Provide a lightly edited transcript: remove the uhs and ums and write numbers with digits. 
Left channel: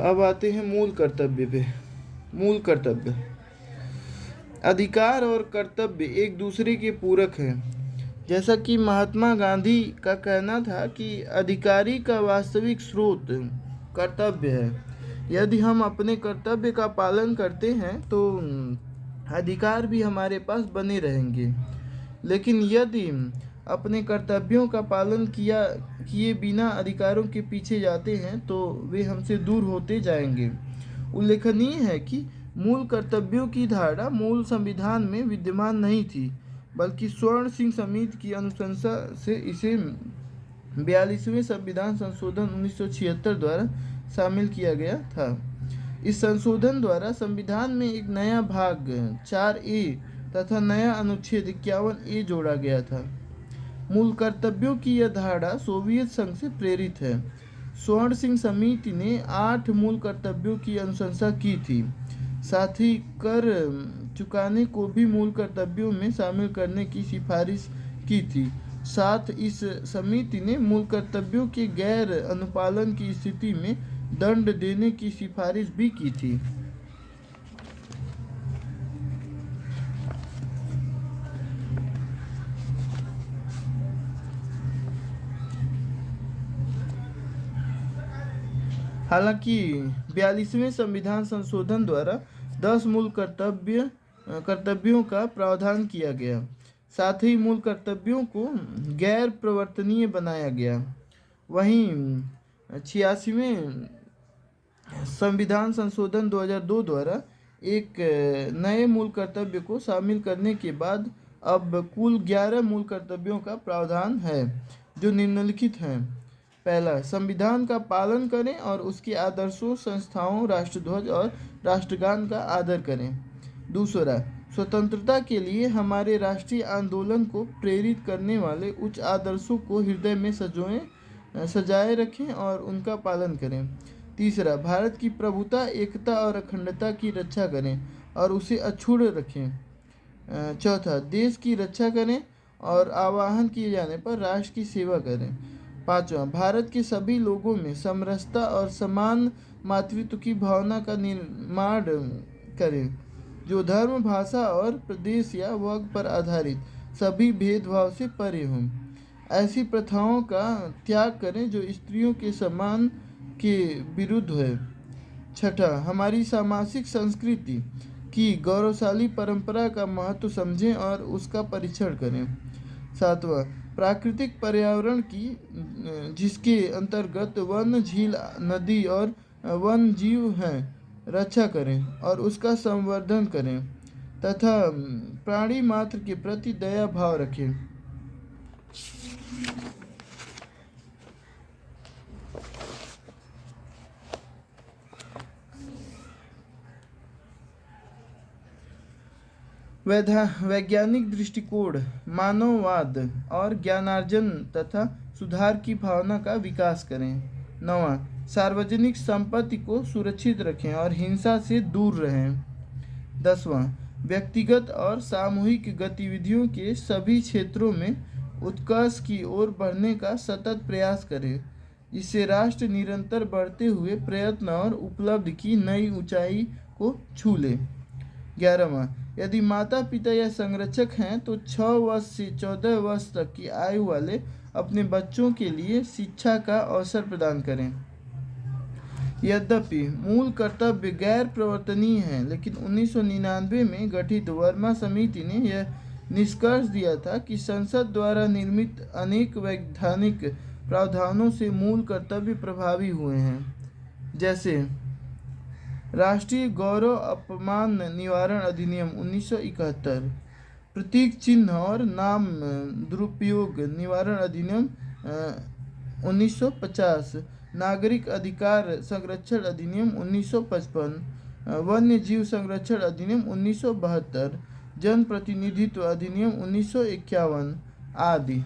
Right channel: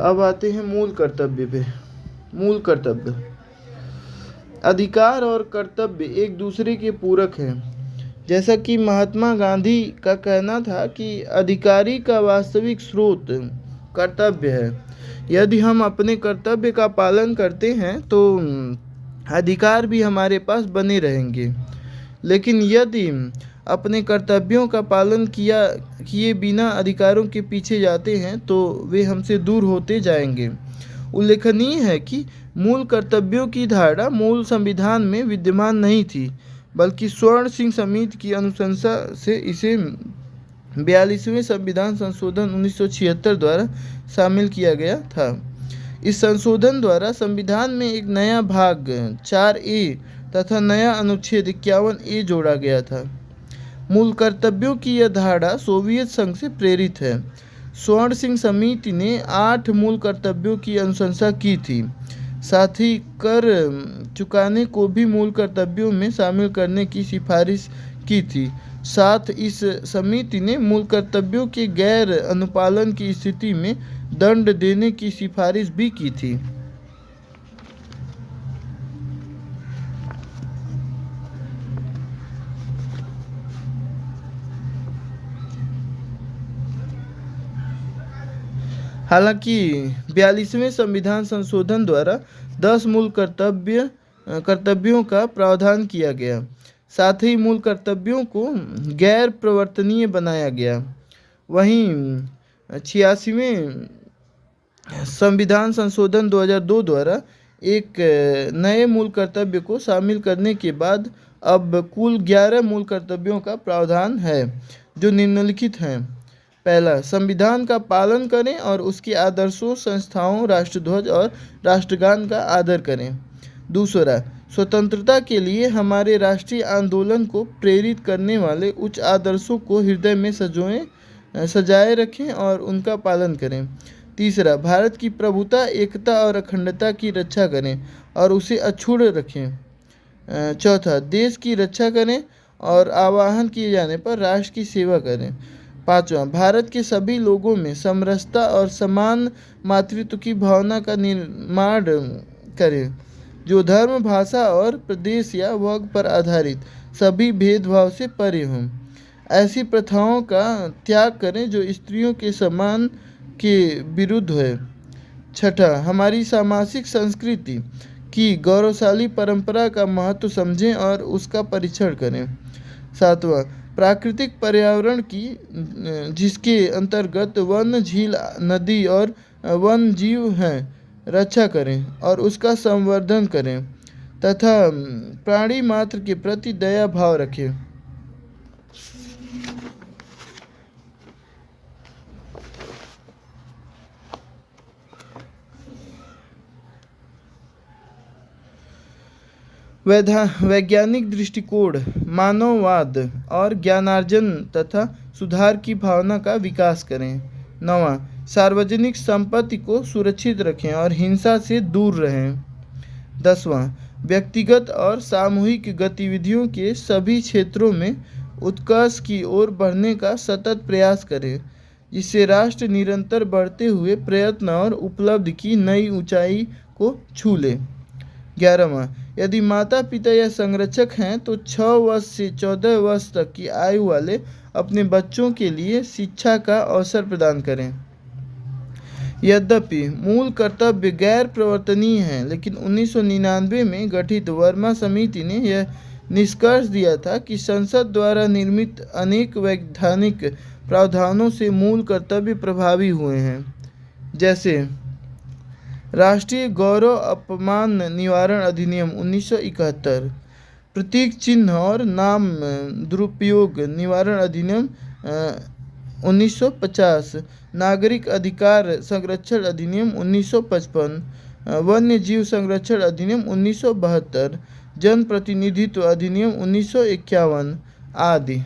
अब आते हैं मूल कर्तव्य पे। मूल कर्तव्य, अधिकार और कर्तव्य एक दूसरे के पूरक हैं। जैसा कि महात्मा गांधी का कहना था कि अधिकारी का वास्तविक स्रोत कर्तव्य है। यदि हम अपने कर्तव्य का पालन करते हैं तो अधिकार भी हमारे पास बने रहेंगे। लेकिन यदि अपने कर्तव्यों का पालन किए बिना अधिकारों के पीछे जाते हैं तो वे हमसे दूर होते जाएंगे। उल्लेखनीय है कि मूल कर्तव्यों की धारणा मूल संविधान में विद्यमान नहीं थी, बल्कि स्वर्ण सिंह समिति की अनुशंसा से इसे 42वें संविधान संशोधन 1976 द्वारा शामिल किया गया था। इस संशोधन द्वारा संविधान में एक नया भाग 4A तथा नया अनुच्छेद 51A जोड़ा गया था। मूल कर्तव्यों की यह धारणा सोवियत संघ से प्रेरित है। स्वर्ण सिंह समिति ने 8 मूल कर्तव्यों की अनुशंसा की थी। साथ ही कर चुकाने को भी मूल कर्तव्यों में शामिल करने की सिफारिश की थी। साथ इस समिति ने मूल कर्तव्यों के गैर अनुपालन की स्थिति में दंड देने की सिफारिश भी की थी। हालांकि 42वें संविधान संशोधन द्वारा 10 मूल कर्तव्यों का प्रावधान किया गया। साथ ही मूल कर्तव्यों को गैर प्रवर्तनीय बनाया गया। वहीं 86वें संविधान संशोधन 2002 द्वारा एक नए मूल कर्तव्य को शामिल करने के बाद अब कुल 11 मूल कर्तव्यों का प्रावधान है, जो निम्नलिखित हैं। पहला, संविधान का पालन करें और उसके आदर्शों, संस्थाओं, राष्ट्रध्वज और राष्ट्रगान का आदर करें। दूसरा, स्वतंत्रता के लिए हमारे राष्ट्रीय आंदोलन को प्रेरित करने वाले उच्च आदर्शों को हृदय में सजाए रखें और उनका पालन करें। तीसरा, भारत की प्रभुता, एकता और अखंडता की रक्षा करें और उसे अक्षुण्ण रखें। चौथा, देश की रक्षा करें और आह्वान किए जाने पर राष्ट्र की सेवा करें। पांचवा, भारत के सभी लोगों में समरसता और समान मातृत्व की भावना का निर्माण करें, जो धर्म, भाषा और प्रदेश या वर्ग पर आधारित सभी भेदभाव से परे हों। ऐसी प्रथाओं का त्याग करें जो स्त्रियों के सम्मान के विरुद्ध है। छठा, हमारी सामाजिक संस्कृति की गौरवशाली परंपरा का महत्व समझें और उसका परीक्षण करें। सातवां, प्राकृतिक पर्यावरण की, जिसके अंतर्गत वन, झील, नदी और वन जीव हैं, रक्षा करें और उसका संवर्धन करें तथा प्राणी मात्र के प्रति दया भाव रखें। वैज्ञानिक दृष्टिकोण, मानववाद और ज्ञानार्जन तथा सुधार की भावना का विकास करें। 9वां, सार्वजनिक संपत्ति को सुरक्षित रखें और हिंसा से दूर रहें। 10वां, व्यक्तिगत और सामूहिक गतिविधियों के सभी क्षेत्रों में उत्कर्ष की ओर बढ़ने का सतत प्रयास करें, जिससे राष्ट्र निरंतर बढ़ते हुए प्रयत्न और उपलब्धि की नई ऊंचाई को छू ले। 11वां, यदि माता पिता या संरक्षक हैं तो 6 वर्ष से 14 वर्ष तक की आयु वाले अपने बच्चों के लिए शिक्षा का अवसर प्रदान करें। यद्यपि मूल कर्तव्य गैर प्रवर्तनीय हैं, लेकिन 1999 में गठित वर्मा समिति ने यह निष्कर्ष दिया था कि संसद द्वारा निर्मित अनेक वैधानिक प्रावधानों से मूल कर्तव्य प्रभावी हुए हैं। जैसे राष्ट्रीय गौरव अपमान निवारण अधिनियम 1971, प्रतीक चिन्ह और नाम दुरुपयोग निवारण अधिनियम 1950, नागरिक अधिकार संरक्षण अधिनियम 1955, वन्य जीव संरक्षण अधिनियम 1972, जन प्रतिनिधित्व अधिनियम 1951 आदि।